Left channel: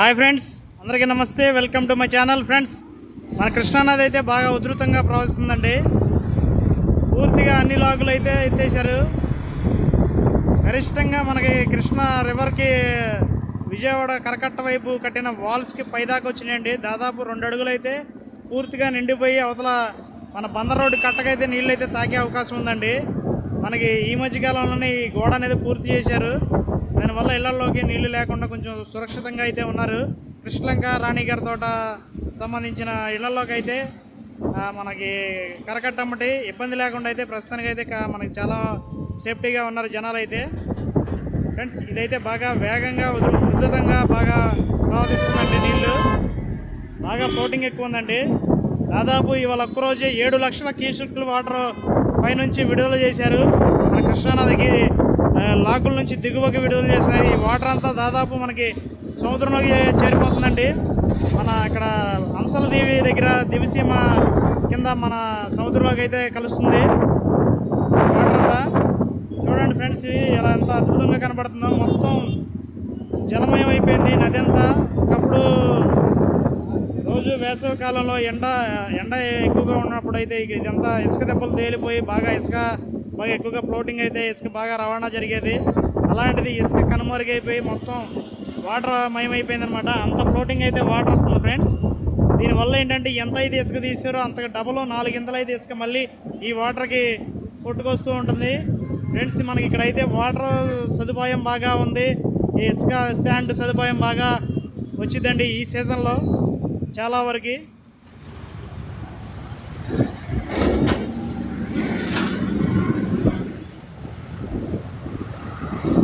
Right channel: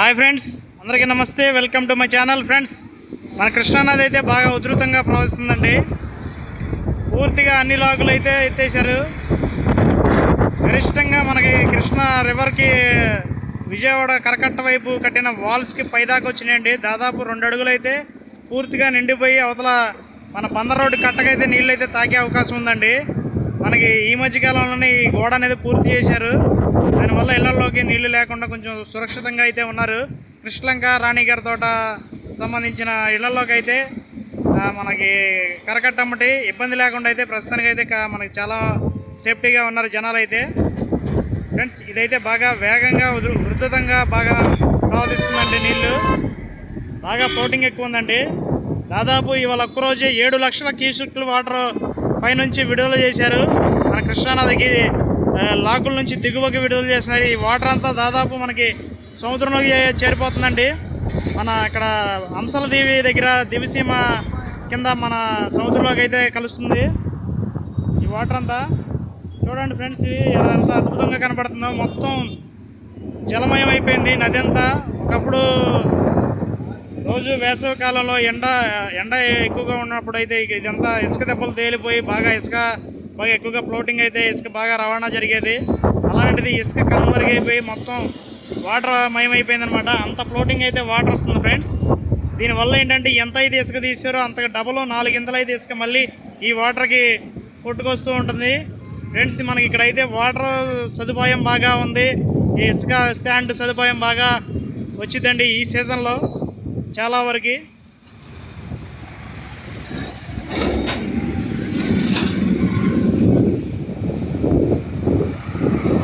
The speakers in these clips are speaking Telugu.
హాయ్ ఫ్రెండ్స్, అందరికీ నమస్తే. Welcome to my channel. Friends, మన కృష్ణానది అయితే బాగా ఉధృతంగా ప్రవహిస్తుందండి. పూర్తిగా అన్ని లాగులు అయితే ఎత్తేసారు. గరిష్టంగా మనకి కృష్ణా రివర్కి విజయవాడ కరకట్ట వైపు కట్టిన వాల్స్కి పైదాకా వచ్చినాయండి. దాదాపు 2 అడుగులు అయితే పూర్తిగా నిండిపోయి అవతల మన బందర్ రోడ్డు కట్టకైతే నీళ్ళు అయితే తాకే అవకాశం ఉందండి. మనకి ఈ మధ్యకాలంలోనే ఈ గోడ అనేది పూర్తి చేశారు. దానివల్ల ఇళ్లలోకి నీళ్లు లేకుండా కొంచెం సురక్షితంగా అయితే ఉన్నారు. కృష్ణలంక, రాణిగారి తోట సంబంధించిన ఇళ్లలోకి అయితే మనకి కరకట్టమ్మటి ఇబ్బంది లేకుండా అయితే ప్రస్తుతానికి అయితే మనకి చాలా సేఫ్టీగా ఉన్నారు జనాలు అయితే. ఫ్రెండ్స్, ఇదైతే బాగా వేగంగా ఉధృతంగా బాగా ప్రవర్తిస్తుందండి. నీళ్ళు బాగా ఫ్లోటింగ్ ఎక్కువ ఉందండి. దాదాపు ఇవాళ ఒక్కరోజే 7 లక్షల క్యూసెక్ల వాటర్ పైనుంచి విడుదల చేశారు. మన కృష్ణానదికి లాకుల నుంచి దిగువకి విడుదల చేస్తున్నారు. ఈ వాటర్ అంతా దాదాపు మనకి సముద్రంలోకి చేరిపోతుందండి. మన ఇక్కడ అంశల దీవి దగ్గర దివిసీమ కింద మన సముద్రంలోకి అయితే కలుస్తుంది వాటర్ అంతా. చూడండి ఫ్రెండ్స్, ఎలా ఎంత అద్భుతంగా కనబడుతుందో. మొత్తం జలమయం అయిపోయింది నది అంతా. ఒకప్పుడు రోజు వేసవి కాలంలో ఎండ ఎక్కువగా ఉన్నప్పుడు అయితే ఇదంతా ఇసుక దెబ్బలు తేలిపోయి బాగా ఎక్కువగా ఫ్లోటింగ్ అయితే ఇసుక బాగా రవాణా జరిగేది. అలాంటిది ఇసుక కనుమరుగైపోయి మొత్తం వాటర్ మయమైపోయింది అనమాట. అంత ఫ్లోటింగ్ అయితే వాటర్ వస్తుంది ఫ్రెండ్స్. దీనివల్ల ఏంటంటే ఎంత అయితే ఇసుక తీసారో అంతకు డబుల్ 4 ఇంతలు అయితే ఇసుక మళ్ళీ ఈ వాటర్కి కొట్టుకొస్తూ ఉంటుంది ఫ్రెండ్స్. మనకి ఇక్కడైతే వాటర్ సదుపాయం బాగా ఉంది. ఈ ఇసుక శాండ్ సదుపాయం బాగా వచ్చిందండి ఈ సీజన్లో చాలా వరకు.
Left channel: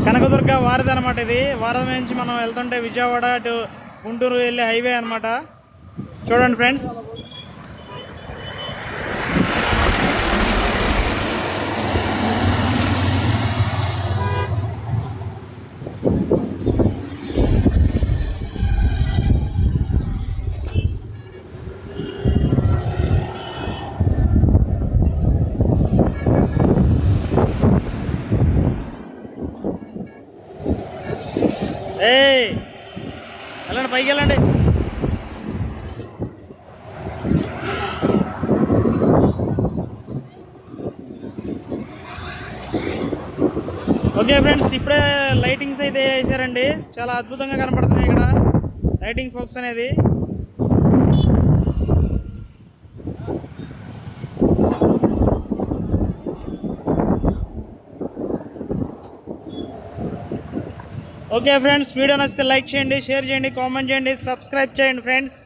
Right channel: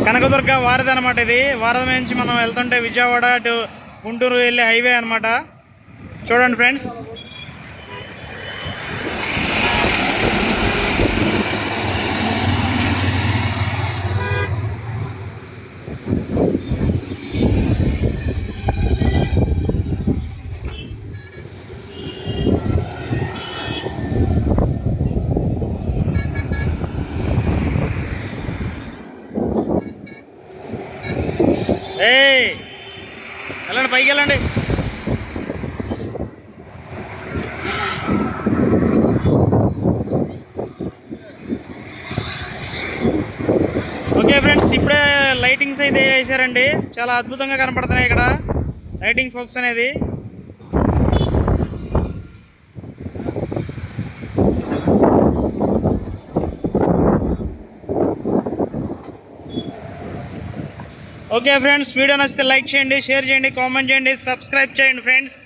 కనకదుర్గ వారధి అనమాట. ఇది వారధి నుంచి మనం వెళ్తుంటే విజయవాడ టు గుంటూరు వెళ్ళే హైవే అనమాట. చూడండి ఫ్రెండ్స్, వెళ్ళండి, పైకి వెళ్ళండి. ఓకే ఫ్రెండ్స్, ఇప్పుడే లైటింగ్స్ అయితే వేసారండి. చాలా అద్భుతంగా కనపడుతున్నాయి ఇక్కడ లైటింగ్ ఫోక్స్ అనేది. ఓకే ఫ్రెండ్స్, వీడియో నచ్చితే లైక్ చేయండి, షేర్ చేయండి, కామెంట్ చేయండి, సబ్స్క్రైబ్ చేయండి ఫ్రెండ్స్.